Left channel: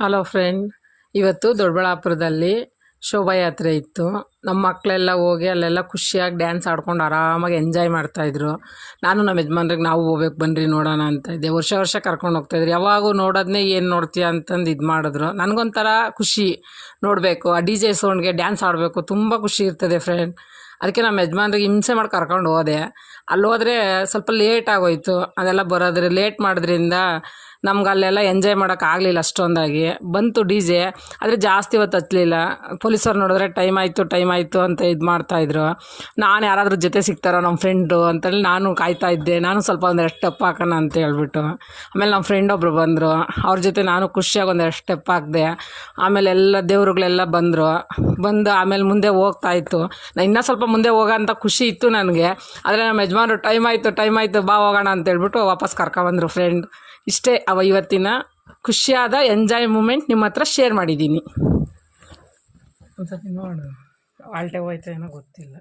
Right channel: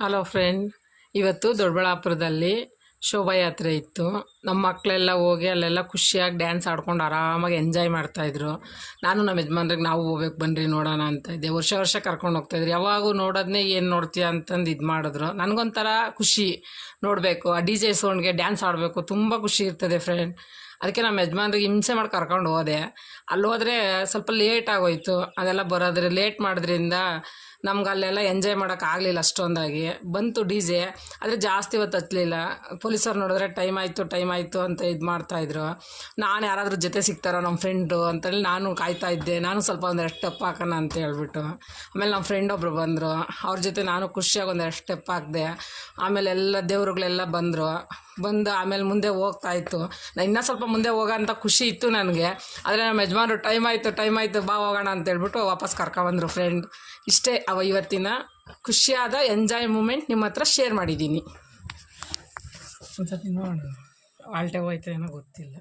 Hello friend, ಇವತ್ತು ದೊಡ್ಡಬಳ್ಳಾಪುರದಲ್ಲಿ ಶೋಭಾಯಾತ್ರೆ ಇತ್ತು. ನಮ್ಮ ಮಕ್ಕಳೆಲ್ಲ ಹೋಗಿ ಅಲ್ಲೆಲ್ಲ ಖುಷಿಯಾಗಿ ಡ್ಯಾನ್ಸ್ ಆಡ್ಕೊಂಡು ಆರಾಮಾಗಿ ಎಂಜಾಯ್ ಮಾಡ್ತಾಯಿದ್ರು. ನಾನು ನಮ್ಮ ಯಜಮಾನ್ರಿಗೆ ನಾವು ಹೋಗ್ಬೇಕು ಬನ್ನಿರಿ ನೋಡೋಣ ಅಂತ ಇದ್ದೆ. ವರ್ಷ ವರ್ಷ ಕರ್ಕೊಂಡು ಹೋಗ್ತಾಯಿದ್ರು. ಯಾವಾಗೂ ನೋಡೋದನ್ನೇ ಏನು ನೋಡ್ತೀಯ ಅಂತಂದು ಇದು ಮಾಡಿದ್ರು. ನನಗೊಂಥರ ಖುಷಿ ನೋಡಬೇಕು, ಆ ಡಿ ಜೆ ಸೌಂಡ್ಗೆ ಡ್ಯಾನ್ಸ್ ಆಡಬೇಕು, ತುಂಬ ಖುಷಿ ಇರ್ತದೆ ಫ್ರೆಂಡ್. ಅದಕ್ಕೆ ನಮ್ಮ ಯಜಮಾನ್ರಿಗೆ ಹಿಂಸೆ ಮಾಡಿ ಕರ್ಕೊಂಡು ಹೋದೆ. ಅಲ್ಲಿ ಹೋದರೆ ಸ್ವಲ್ಪ ಲೇಟ್ ಆಗೋಯ್ತು. ಅದೆಲ್ಲ ಬರೋದ್ರೆ ಲೇಟ್ ಮಾಡೋದ್ರಿಂದ ನಮ್ಗೆ ಅಲ್ಲೆಲ್ಲ ಎಂಜಾಯ್ ಮಾಡೋಕ್ಕಾಗಲಿಲ್ಲ ಅಷ್ಟೊಂದಾಗಿ. ಬಂತು ಡಿ ಜೆ, ಆದರೆ ಜಾಸ್ತಿ ಹೊತ್ತು ಹತ್ತಲಿಲ್ಲ. ಪೊಲೀಸರು ನೋಡಿದ್ರೆ ಟೈಮ್ ಆಯಿತು ಅಂತ ಇದು ಮಾಡ್ತಾಯಿದ್ರು. ನಾನು ಯಾರಾದರೂ ಜೊತೆ ಸಿಗ್ತಾರೋ ನಮ್ಮ ಫ್ರೆಂಡು ಅಂತೇಳಿ ನಾನು ಕಾಯ್ತಾ ಇದ್ದೆ. ನಾನು ಸ್ವಲ್ಪ ಒಂದೆರಡು ಸ್ಟೆಪ್ ಹಾಕೋಣ ಅಂತ ಹೇಳ್ಬಿಟ್ಟು. ಆಮೇಲೆ ನಮ್ಮ ಫ್ರೆಂಡ್ ಒಬ್ಬರು ಬಂದರು. ಅವ್ರ ಜೊತೆ ನಾನು ಖುಷಿಯಾಗಿ ಒಂದೆರಡು ಸ್ಟೆಪ್ ಹಾಕಿದೆ. ಆಮೇಲೆ ಎಲ್ಲ ದೇವ್ರುಗಳೆಲ್ಲ ಬಂದು ಆಮೇಲೆ ಮುಂದೆ ಹೋಗ್ತಾಯಿತ್ತು. ನಾನು ಇನ್ನೂ ಸ್ವಲ್ಪ ಮುಂದೆ ಹೋಗೋ ಅಂತ ಖುಷಿ ಇತ್ತು ನನಗೆ. ಆದರೆ ನಮ್ಮ ಯಜಮಾನರು ಟೈಮ್ ಆಯಿತು ಬಾ ಹೋಗೋಣ ಅಂತೇಳ್ಬಿಟ್ಟು ವಾಪಸ್ ಕರ್ಕೊಬಂದರು ಫ್ರೆಂಡ್. ಇಷ್ಟೇ ಇವತ್ತಿನ ಖುಷಿಯಾದ ಎಂಜಾಯ್ ಮೂಮೆಂಟ್ ನಿಮ್ಮ ಹತ್ರ ಶೇರ್ ಮಾಡಿದ್ದೀನಿ. ಒಂದು ಸತಿ ನೋಡು, ಆಲ್ಟೆ ಹೋಯ್ತು ಏನೋ ಗೊತ್ತಿಲ್ಲ.